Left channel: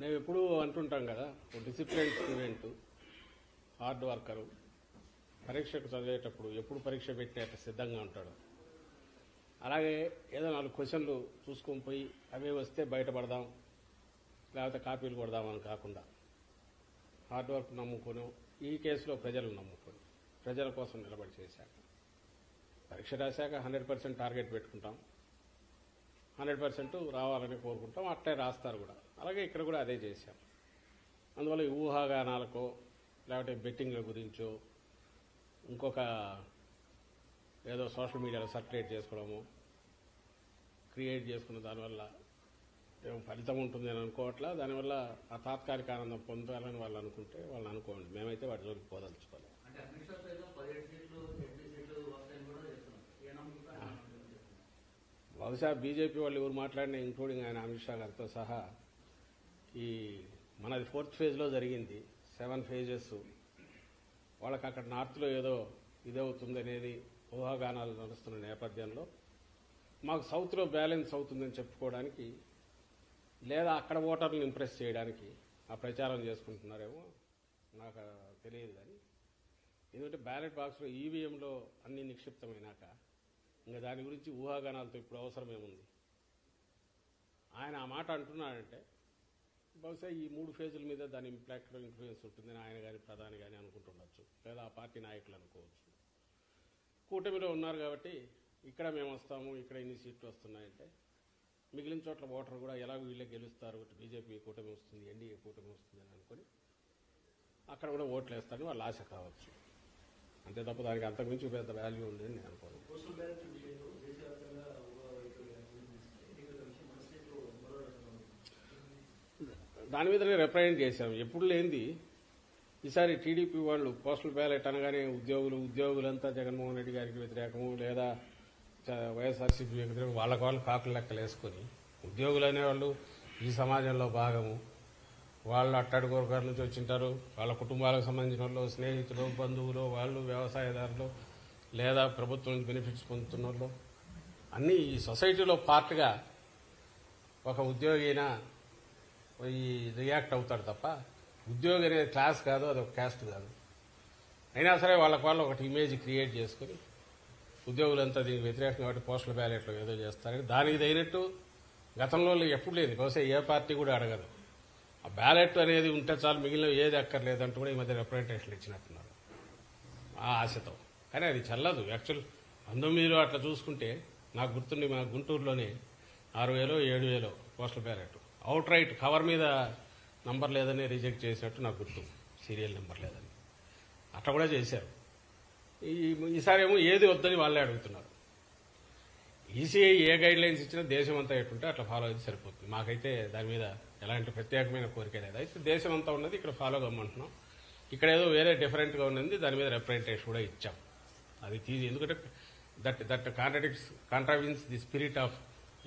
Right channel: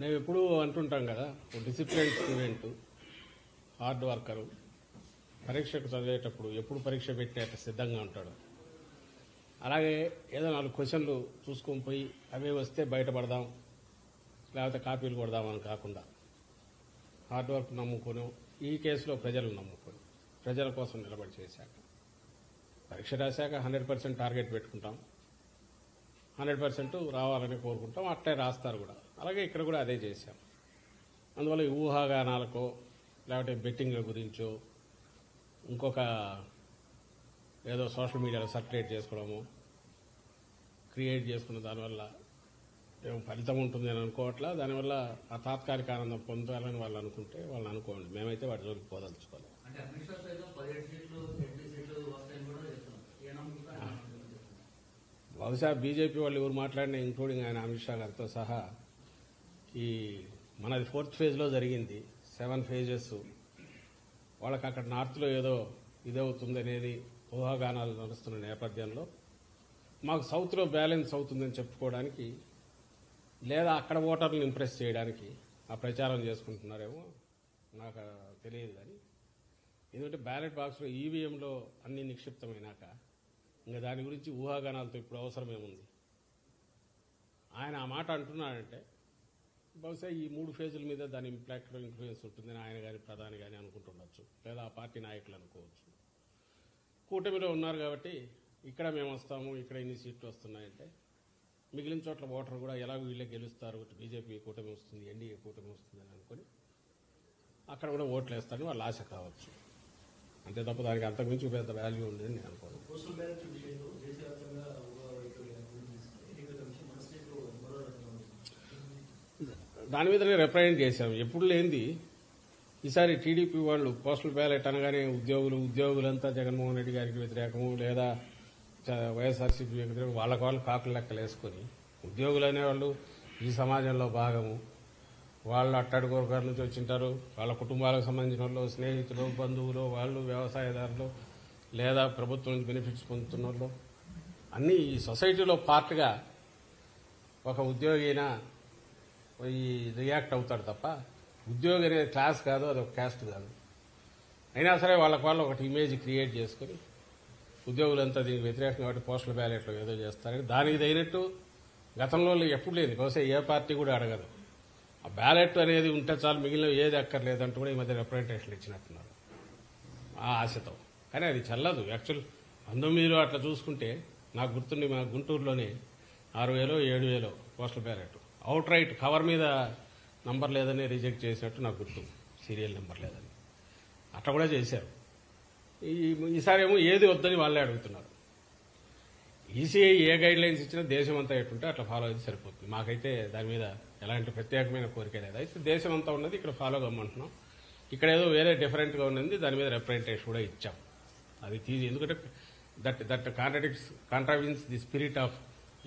మేము ఎప్పుడూ అంటుంటాం కదా, డిసిప్లిన్ స్టూడెంట్, హార్డ్ వర్కరు, పరీక్షకు చదివేటప్పుడు ఎప్పుడు పరీక్ష పెట్టేట సిద్ధంగా ఉంటాడు. అలాగే ఏదో 4 క్వశ్చన్లు చూసుకొని పోయి అవే వస్తే బయటపడదాం, లేకపోతే కాపీలు కొడదామని కాకుండా హార్డ్ వర్క్ నమ్ముకొని, ఈ కేసులో ప్రజలు నమ్ముకొని ప్రజల కోసం నిలబడి చేశాక పరీక్ష రాశాక 100% టార్గెట్ పెట్టుకుంటాం, 100% రావాలని కోరుకుంటాం. అట్లే రాస్తారు కూడా. అలాగే ఇక్కడ కూడా అదే చేశాం. అందువల్ల ఈ ఊహాగానాలకో లేకపోతే బెట్టింగ్ల గురించో ఇంకొక ఏదో సోషల్ మీడియాలో సర్క్యులేట్ చేసుకోవడము, క్రియేట్ చేసుకున్న దానివల్ల ఏం ఫలితం ఉంటుంది అని అనుకోవట్లా. దానివల్ల ఆ తాత్కాలిక ఆనందం పొందాలని వాళ్ళు అనుకుంటే వాళ్ళని అనుకోండి. మేమైతే వాటి జోలికి పోదలుచుకోలేదు. బహుశా బీజేపీ వాళ్ళు ఎవరు మాట్లాడినా, ఇంక్లూడింగ్ ఆయన అమిత్ షా గారితో సహా, ఈ మనది 4th ఫేజ్లో జరిగింది, 7 phases. వాళ్ళకి అక్కడ నార్త్లో ఏదో ఇదవుతుంది అనేది ఊహాగానాలు నడుస్తున్న నేపథ్యంలో మాకు సౌత్లో బ్యాలెన్స్ అవుతుందని చెప్పుకోవడానికి, లేదా అక్కడ ఓటర్లను ఇంప్రెస్ చేయడానికి ఆ ప్రచారం చేసుకుంటున్నారేమో నాకు తెలియదు. కానీ ఎందుకంటే బ్యాలెట్ బాక్స్లో ఈవీఎంలో అన్ని నిక్షిప్తమైనాక ఇంకా దాని గురించి ఊహాగానాలతో ఇప్పుడు అవసరమేముంది. ఆయన ఆ మాట అంటున్నాడంటే బహుశా ఈ 3 phases మీద దాని ఇంపాక్ట్ ఇన్ఫ్లుయెన్స్ ఉంటుందని ఆయన కానీ ప్రధాని కానీ అనుకుంటుండొచ్చు, లేదా ఆ పార్టీ నాయకులు అనుకోవచ్చు. కూటమిలో ఉన్నారు కాబట్టి ఇక్కడ మేము వస్తాము, ఇక్కడ ఇన్ని సీట్లు వస్తున్నాయంటే మిగిలిన చోట్ల ఓటర్ కూడా ఎలాగో వీళ్ళే గెలుస్తారు, బీజేపీ కూటమి వస్తుంది, ఎన్డీఏ కూటమి వస్తుంది అని అనుకుని అక్కడ కూడా ఓట్లు వేస్తారని వాళ్ళ ఆశ కావచ్చు. అంతే తప్ప దానికి అంతకుమించి పెద్ద వాల్యూ ఉంది అని నేను అనుకోను. దాని మీదనే రిప్రజెంట్ చేశాం. ఎప్పుడు లేనిది ఈసారి టీడీపీ వాళ్ళు పోస్టల్ బ్యాలెట్ అనగానే ఉద్యోగులంతా జగన్మోహన్ రెడ్డి గారికి వ్యతిరేకము, లేదా వైఎస్ఆర్సీపీ వ్యతిరేకం, వాళ్ళు కాకులు లెక్కలు వేసుకొని ఉద్యోగులు అనేవాళ్ళు ఈ సమాజంలో భాగము, వాళ్ళు అట్టడి వర్గాల నుంచి వచ్చింటారు, వాళ్ళ కుటుంబాలకు సంబంధించిన వాళ్ళు, స్నేహితులు, బంధువులు, వాళ్ళు వ్యవసాయదారులు, లేదా ప్రభుత్వం నుంచి బెనిఫిట్స్ పొందుతున్న వాళ్ళు, అన్నీ ఈ సొసైటీలో పార్ట్గా ఒక ఉద్యోగి అయినా ఈ రియాక్ట్ అవుతాడు తప్ప ఉద్యోగి అనేది క్లాస్ కాదు, అది ఒక క్యాస్ట్ కాదు. అయినా సరే వాళ్ళకు వాళ్ళు ఒకటి ఇమేజ్ క్రియేట్ చేసుకుని ఉద్యోగులంతా దీనికి వ్యతిరేకంగా కాబట్టి పోస్టల్ బ్యాలెట్లో ఏదో చేస్తారని దానికి తగినట్టు గతంలో ఎప్పుడు లేదు, బహుశా ఏ పార్టీ కూడా అడగదు. ఆ బ్యాలెట్ అనేది ఉంటే చాలు, మిగిలిన ఏది అక్కర్లేదంటూ కూడా ఈ మధ్య రిప్రజెంటేషన్లు ఇచ్చినట్టున్నారు ఆ ఆశతో. కానీ అది చల్లదు. యాక్చువల్ 19లో అట్లా చూసుకుంటే నాకు గుర్తుండి మా గుంటూరులోనే 6,000 7,000 postal ballot out right cover మీద నంబర్ లేదని రిజెక్ట్ చేసినట్టు నాకు గుర్తు, సీరియల్ నెంబర్ లేదని. అట్లా కూడా చేశారు. ఈసారి ఏమో ఏది వద్దని వాళ్ళే అడుగుతున్నారు. ఈసీఐ ఏ గైడ్ లైన్స్ ఇచ్చినా దేశం అంతా ఎట్టుంటే అట్లా ఫాలో అయితే సరిపోతుంది. మాకైతే దాని మీద ఎలాంటి ప్రత్యేకమైన కోరిక లేదు. అయితే దేశం అంతా ఉన్నది ఇక్కడ ఫాలో కమ్మంటున్నాం. ఇక్కడ ఏదో వేరే డిఫరెంట్గా ఉన్నది, దాని మీద రిప్రజెంటేషన్ కూడా ఇచ్చాం. అది తీసి, ఎందుకంటే that కాంట్రావిన్స్ the spirit of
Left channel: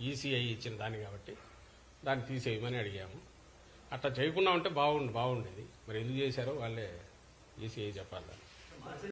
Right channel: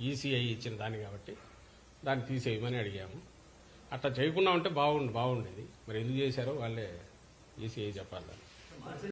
ECI ఇచ్చిన దాన్ని కాబట్టి దాన్ని తీసేయమని అడిగాము. అట్లా చేయకుండా ఉంటే బాగుండేది. మరి ఎందుకు చేశారో వాళ్ళే ఈసీఐ చెప్పాలి.